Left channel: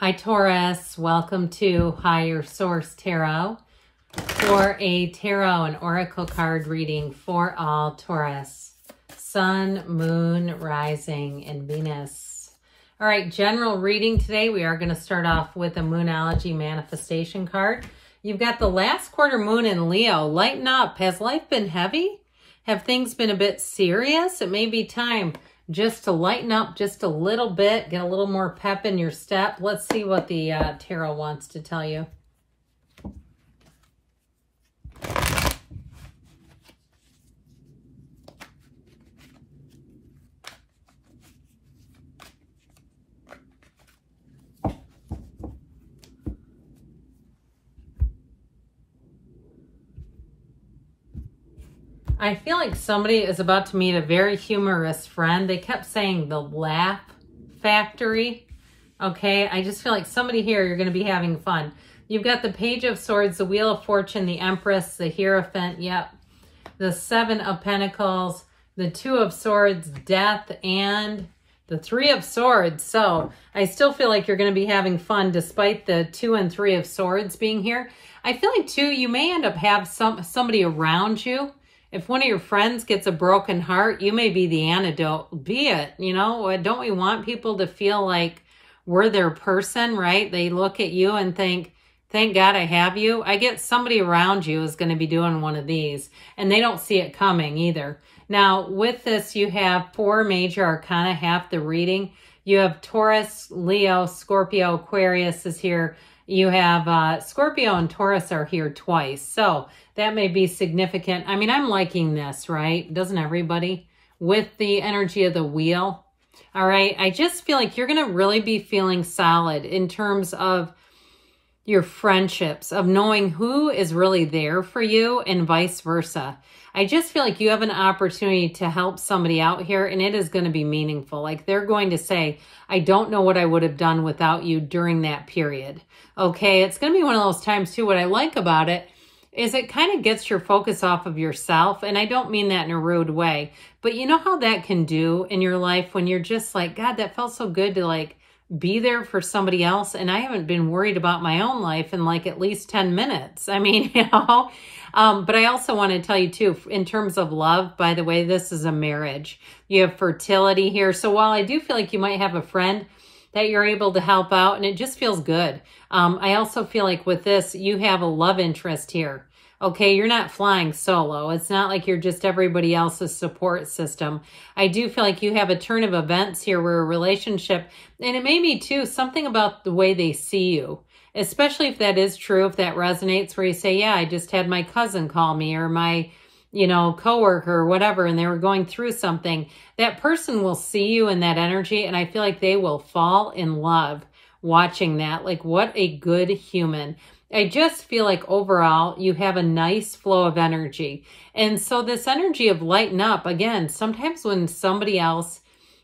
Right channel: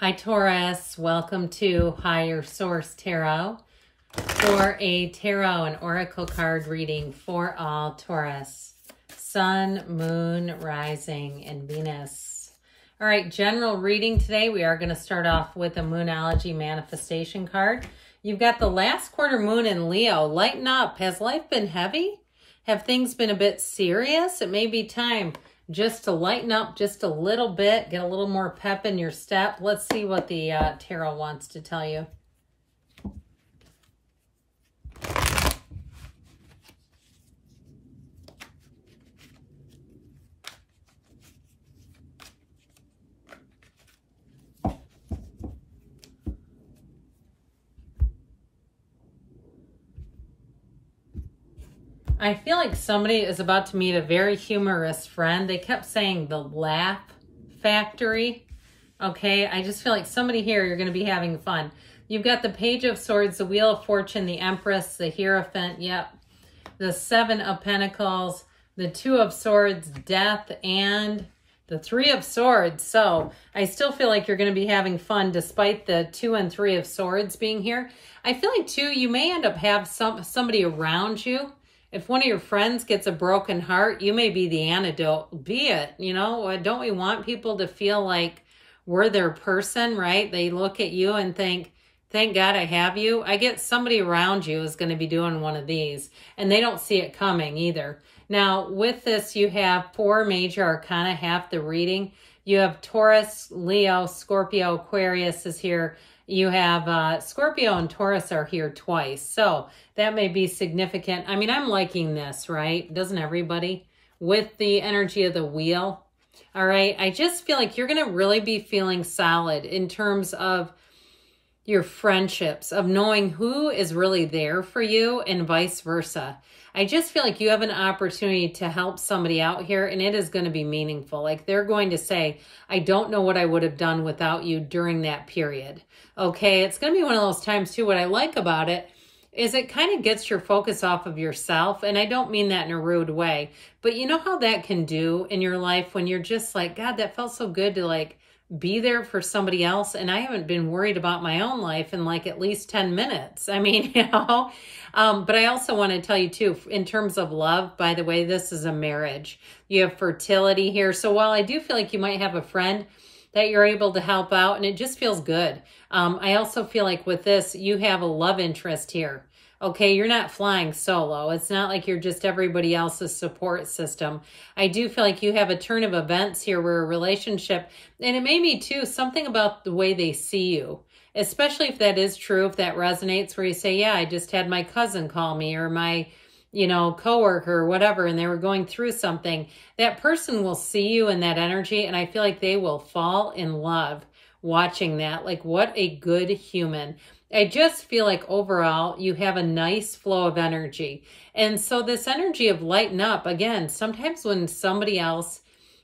Hi Taurus, welcome to Higher Source Tarot for a tarot and oracle card reading for all Taurus, Sun, Moon, Rising, and Venus. All right, general reading today. We are going to start off with a Moonology manifestation card. You've got the last quarter moon in Leo. Lighten up. Has life been heavy? Have things been a bit serious? It may be time just to lighten up just a little bit, get a little more pep in your step. Let's see what the tarot wants to tell you. I feel like somebody is about to meet a very humorous friend. They kept saying the laugh factory. Okay, I just feel like somebody here, you're going to be having fun. You've got the Page of Swords, the Wheel of Fortune, the Empress, the Hierophant, yep. The Seven of Pentacles, the Two of Swords, Death, and the Three of Swords. So I still feel like you're going to be having fun despite the Two and Three of Swords being here. I feel like too, you may end up have somebody around you. If one of your friends gets a broken heart, you may be the antidote. Be it, you know, don't we want people to feel like we're their person, right? They look at you and think, thank God I have you. I get somebody around you is going to be doing one of these, and they don't see it coming either. Now, with this, you have 4 major arcana, half the reading. You have Taurus, Leo, Scorpio, Aquarius is here. You have Scorpio and Taurus are here twice. So that may be significant. I mean, I'm liking this, right? Doesn't everybody? With the energy of the wheel. All right. I just feel like you're going to really be feeling solid in terms of your friendships, of knowing who is really there for you and vice versa. I just feel like you have an opportunity to help somebody out here, and it is going to be meaningful. Like they're going to say, I don't know what I would have done without you during that period. Okay, it's going to be one of those times too. What I like about it is it kind of gets your focus off of yourself. And I don't mean that in a rude way, but you know how that can do in your life when you're just like, God, that felt so good to like be there for somebody else. And I haven't been worried about my own life in like at least 10 minutes. I mean, you know, but I also want to tell you too, in terms of love, by the way, this is a marriage. You have fertility here. So while I do feel like you might have a friend that you're able to help out, and it just feels good. I also feel like with this, you have a love interest here. Okay, you're not flying solo. It's not like you're just everybody else's support system. I do feel like you have a turn of events here where a relationship, and it may be too, something about the way they see you, especially if that is true, if that resonates, where you say, yeah, I just had my cousin call me, or my, you know, coworker or whatever, and they were going through something. That person will see you in that energy, and I feel like they will fall in love watching that. Like, what a good human. I just feel like overall you have a nice flow of energy. And so this energy of lighten up, again, sometimes when somebody else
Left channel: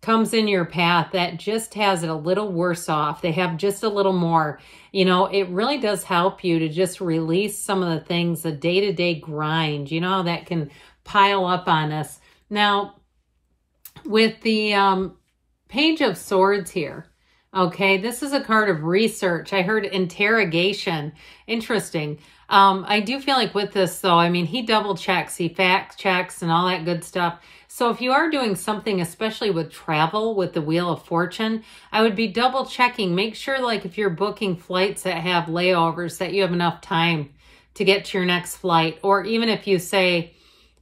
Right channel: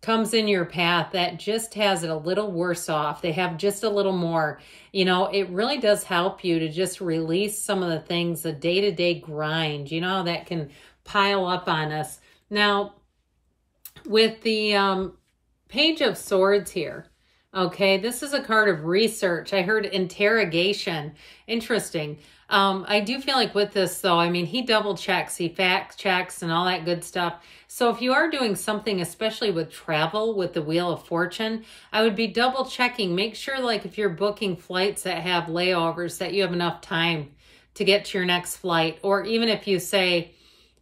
comes in your path that just has it a little worse off, they have just a little more, you know, it really does help you to just release some of the things, the day-to-day grind, you know, that can pile up on us. Now, with the Page of Swords here, okay, this is a card of research. I heard interrogation. Interesting. I do feel like with this, though, I mean, he double checks, he fact checks and all that good stuff. So if you are doing something, especially with travel, with the Wheel of Fortune, I would be double checking. Make sure, like, if you're booking flights that have layovers, that you have enough time to get to your next flight. Or even if you say,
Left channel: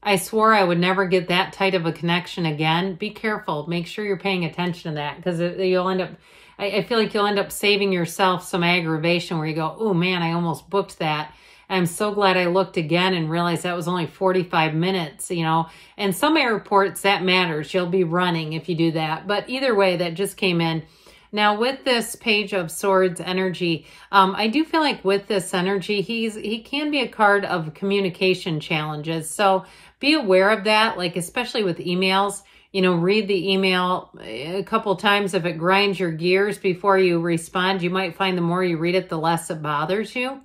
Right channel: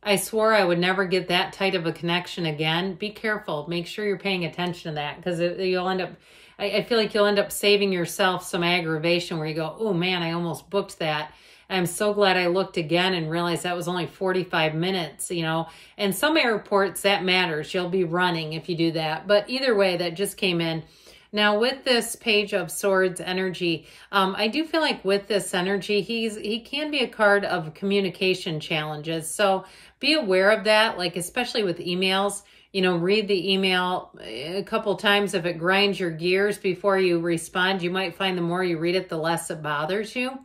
I swore I would never get that tight of a connection again, be careful. Make sure you're paying attention to that, because you'll end up, I feel like you'll end up saving yourself some aggravation where you go, oh man, I almost booked that. I'm so glad I looked again and realized that was only 45 minutes, you know. And some airports, that matters. You'll be running if you do that. But either way, that just came in. Now, with this Page of Swords energy, I do feel like with this energy, he can be a card of communication challenges. So be aware of that, like especially with emails. You know, read the email a couple times. If it grinds your gears before you respond, you might find the more you read it, the less it bothers you.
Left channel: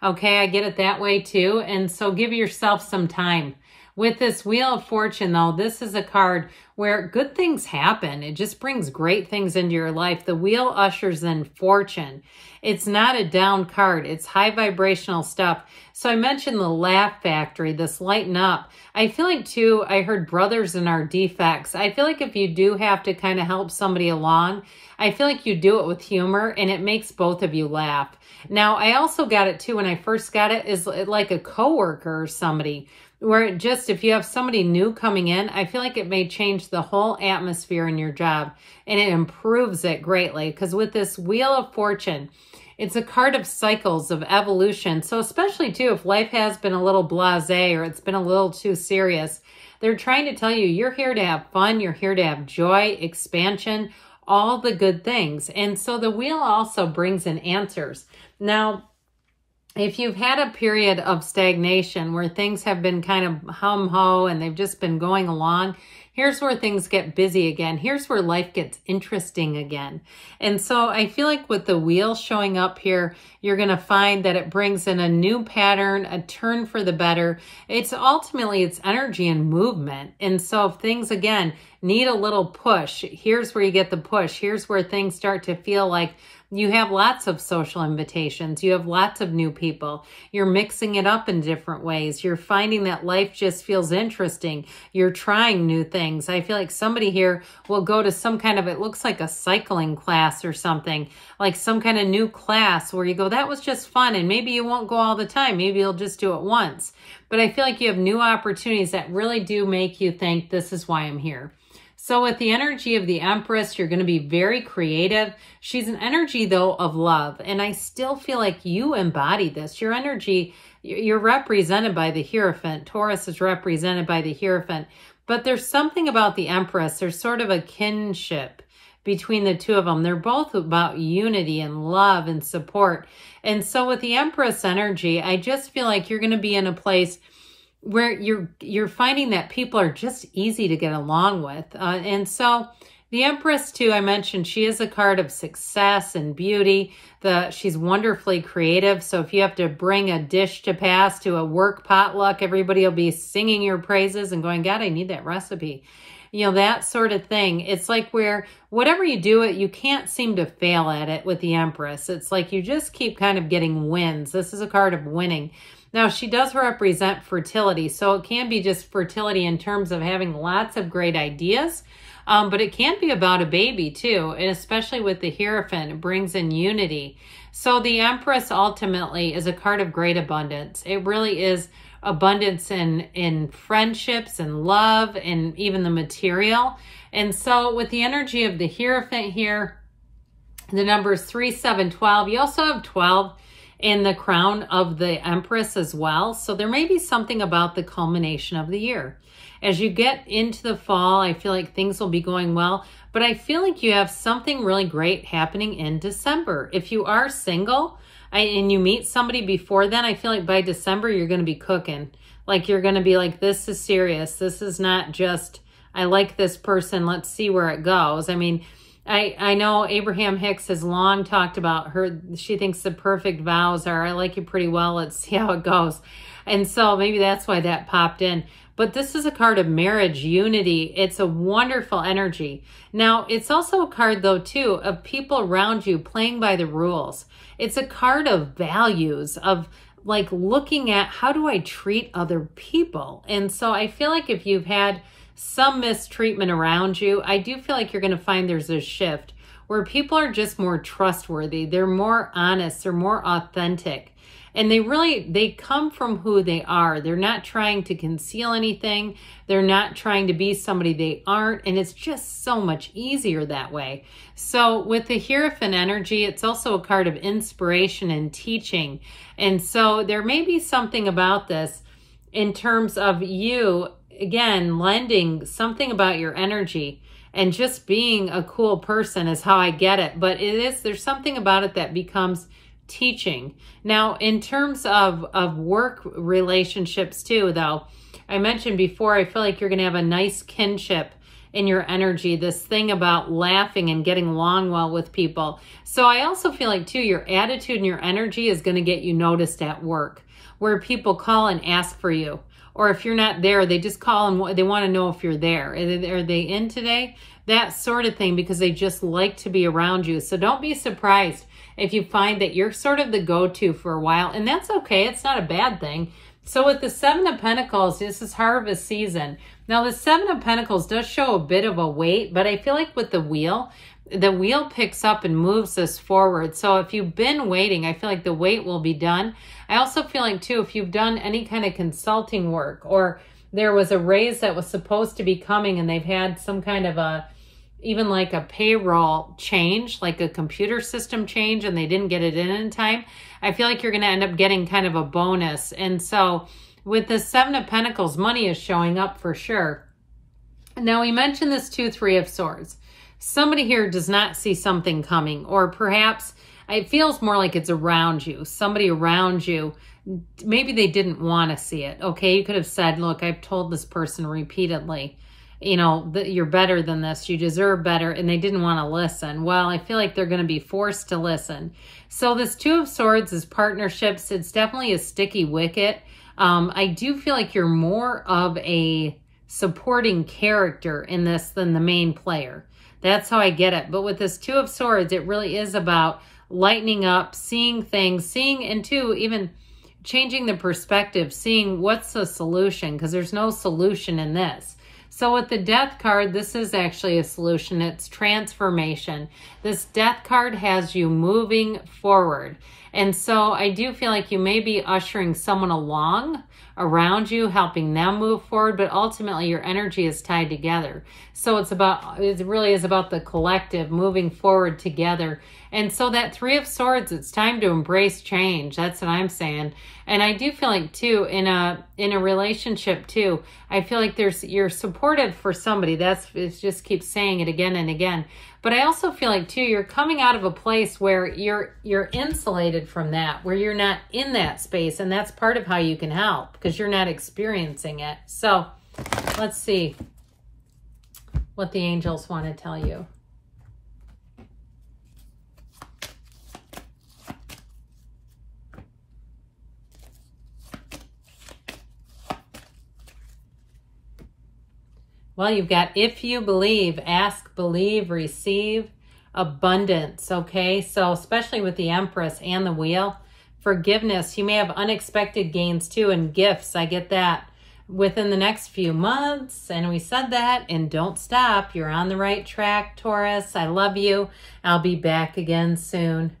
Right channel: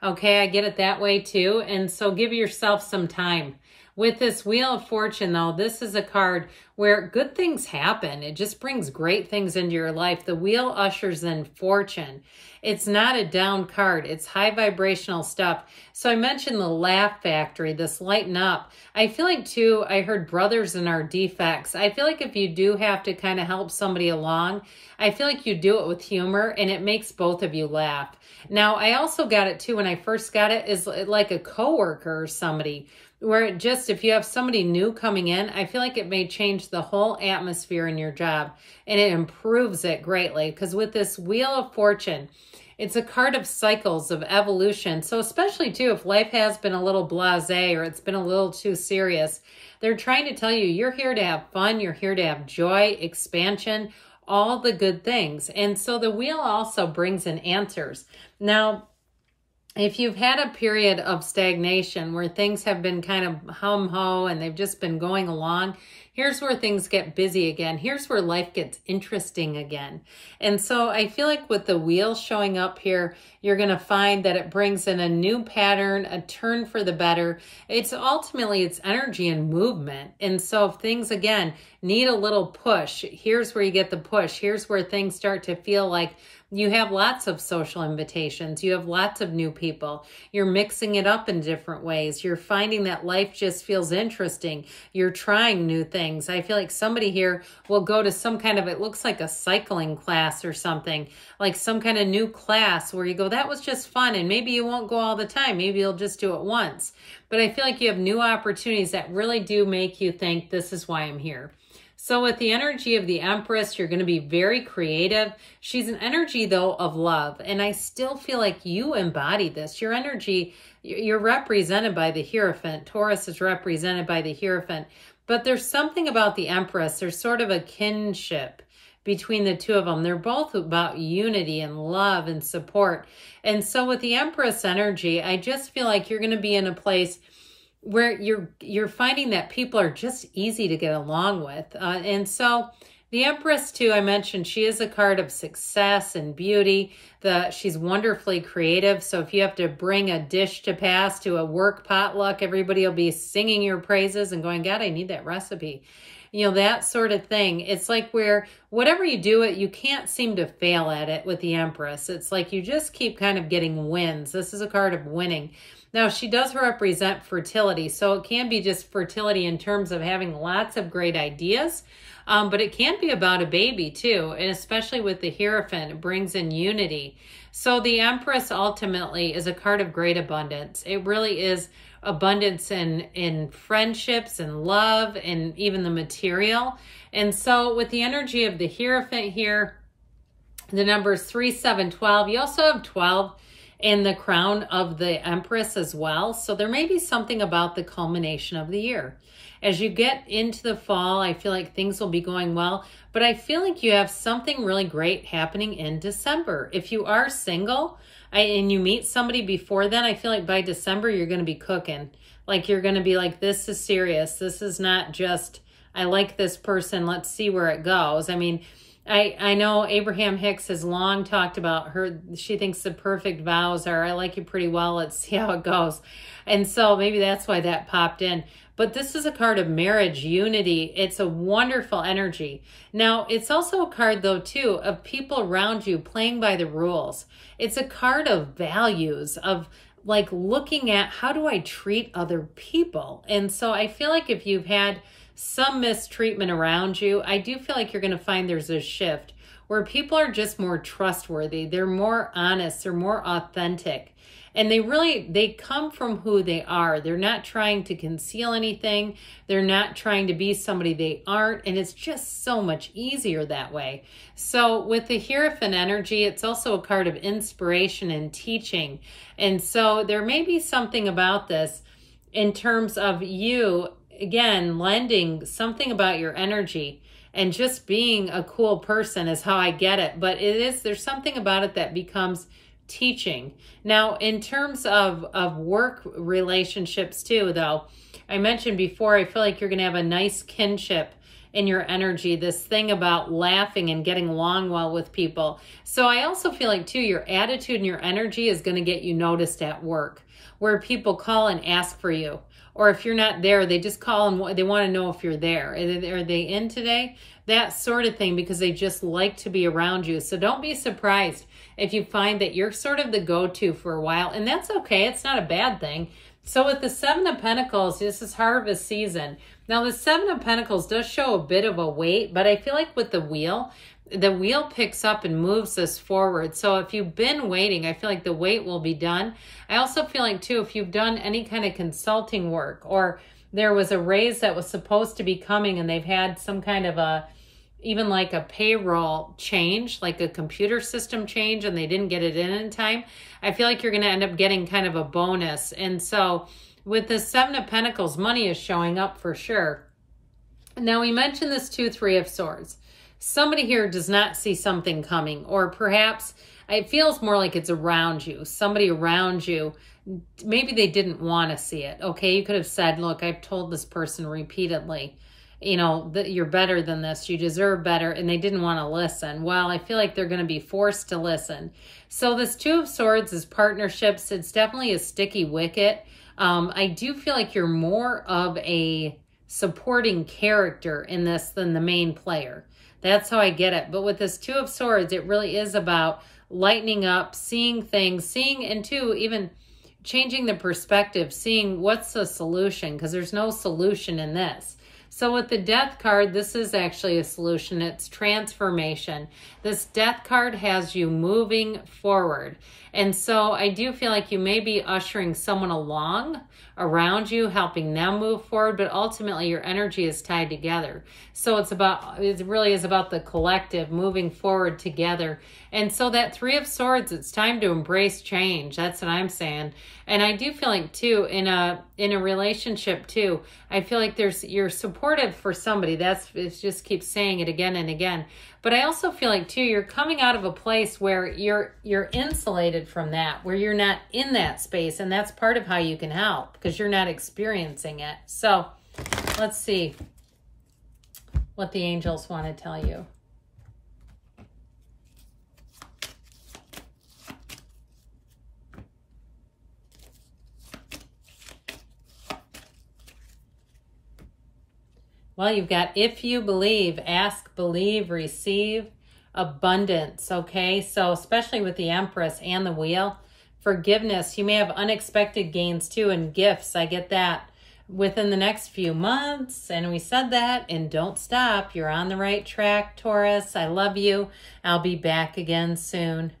Okay, I get it that way too. And so give yourself some time With this Wheel of Fortune, though, this is a card where good things happen. It just brings great things into your life. The wheel ushers in fortune. It's not a down card. It's high vibrational stuff. So I mentioned the laugh factory, this lighten up. I feel like, too, I heard brothers in our defects. I feel like if you do have to kind of help somebody along, I feel like you do it with humor, and it makes both of you laugh. Now, I also got it, too, when I first got it, is like a coworker or somebody, where it just, if you have somebody new coming in, I feel like it may change the whole atmosphere in your job, and it improves it greatly. Because with this Wheel of Fortune, it's a card of cycles, of evolution. So especially, too, if life has been a little blasé or it's been a little too serious, they're trying to tell you you're here to have fun, you're here to have joy, expansion, all the good things. And so the wheel also brings in answers. Now, if you've had a period of stagnation where things have been kind of hum-ho and they've just been going along, here's where things get busy again. Here's where life gets interesting again. And so I feel like with the wheel showing up here, you're going to find that it brings in a new pattern, a turn for the better. It's ultimately, it's energy and movement. And so if things, again, need a little push, here's where you get the push. Here's where things start to feel like you have lots of social invitations. You have lots of new people. You're mixing it up in different ways. You're finding that life just feels interesting. You're trying new things. I feel like somebody here will go to some kind of, it looks like a cycling class or something, like some kind of new class where you go, that was just fun. And maybe you won't go all the time. Maybe you'll just do it once. But I feel like you have new opportunities that really do make you think, this is why I'm here. So with the energy of the Empress, you're going to be very creative. She's an energy, though, of love. And I still feel like you embody this. Your energy, you're represented by the Hierophant. Taurus is represented by the Hierophant. But there's something about the Empress. There's sort of a kinship between the two of them. They're both about unity and love and support. And so with the Empress energy, I just feel like you're going to be in a place where you're finding that people are just easy to get along with. And so the Empress, too, I mentioned, she is a card of success and beauty. She's wonderfully creative. So if you have to bring a dish to pass to a work potluck, everybody will be singing your praises and going, God, I need that recipe. You know, that sort of thing. It's like where whatever you do, you can't seem to fail at it with the Empress. It's like you just keep kind of getting wins. This is a card of winning. Now, she does represent fertility, so it can be just fertility in terms of having lots of great ideas, but it can be about a baby, too, and especially with the Hierophant, it brings in unity. So the Empress ultimately is a card of great abundance. It really is abundance in friendships and love and even the material. And so with the energy of the Hierophant here, the numbers 3, 7, 12, you also have 12 in the crown of the Empress as well. So there may be something about the culmination of the year. As you get into the fall, I feel like things will be going well, but I feel like you have something really great happening in December. If you are single and you meet somebody before then, I feel like by December, you're going to be cooking. Like you're going to be like, this is serious. This is not just, I like this person, let's see where it goes. I mean, I know Abraham Hicks has long talked about her. She thinks the perfect vows are, I like you pretty well, let's see how it goes. And so maybe that's why that popped in. But this is a card of marriage, unity. It's a wonderful energy. Now, it's also a card, though, too, of people around you playing by the rules. It's a card of values, of like looking at how do I treat other people. And so I feel like if you've had some mistreatment around you, I do feel like you're going to find there's a shift where people are just more trustworthy. They're more honest. They're more authentic. And they come from who they are. They're not trying to conceal anything. They're not trying to be somebody they aren't. And it's just so much easier that way. So with the Hierophant energy, it's also a card of inspiration and teaching. And so there may be something about this in terms of you, again, lending something about your energy and just being a cool person is how I get it. But there's something about it that becomes teaching. Now, in terms of work relationships too, though, I mentioned before, I feel like you're going to have a nice kinship in your energy, this thing about laughing and getting along well with people. So I also feel like too, your attitude and your energy is going to get you noticed at work, where people call and ask for you, or if you're not there, they just call and they want to know if you're there. Are they in today? That sort of thing, because they just like to be around you. So don't be surprised if you find that you're sort of the go-to for a while, and that's okay. It's not a bad thing. So with the Seven of Pentacles, this is harvest season. Now the Seven of Pentacles does show a bit of a weight, but I feel like with the wheel picks up and moves us forward. So if you've been waiting, I feel like the wait will be done. I also feel like too, if you've done any kind of consulting work, or there was a raise that was supposed to be coming and they've had some kind of even like a payroll change, like a computer system change, and they didn't get it in time, I feel like you're going to end up getting kind of a bonus. And so with the Seven of Pentacles, money is showing up for sure. Now we mentioned this 2, 3 of Swords. Somebody here does not see something coming, or perhaps it feels more like it's around you. Somebody around you, maybe they didn't want to see it. Okay, you could have said, look, I've told this person repeatedly, you know, that you're better than this, you deserve better, and they didn't want to listen. Well, I feel like they're going to be forced to listen. So this 2 of Swords is partnerships. It's definitely a sticky wicket. I do feel like you're more of a supporting character in this than the main player. That's how I get it. But with this 2 of Swords, it really is about lightening up, seeing things, seeing, and too, even changing the perspective, seeing what's the solution, because there's no solution in this. So with the Death card, this is actually a solution. It's transformation. This Death card has you moving forward. And so I do feel like you may be ushering someone along around you, helping them move forward, but ultimately your energy is tied together. So it really is about the collective moving forward together. And so that 3 of Swords, it's time to embrace change. That's what I'm saying. And I do feel like too, in a relationship too, I feel like you're supportive for somebody. It just keeps saying it again and again. But I also feel like too, you're coming out of a place where you're insulated from that, where you're not in that space. And that's part of how you can help, because you're not experiencing it. So let's see what the angels want to tell you. Well, you've got if you believe, ask, believe, receive, abundance, okay? So especially with the Empress and the Wheel, forgiveness. You may have unexpected gains too, and gifts. I get that within the next few months. And we said that, and don't stop. You're on the right track, Taurus. I love you. I'll be back again soon.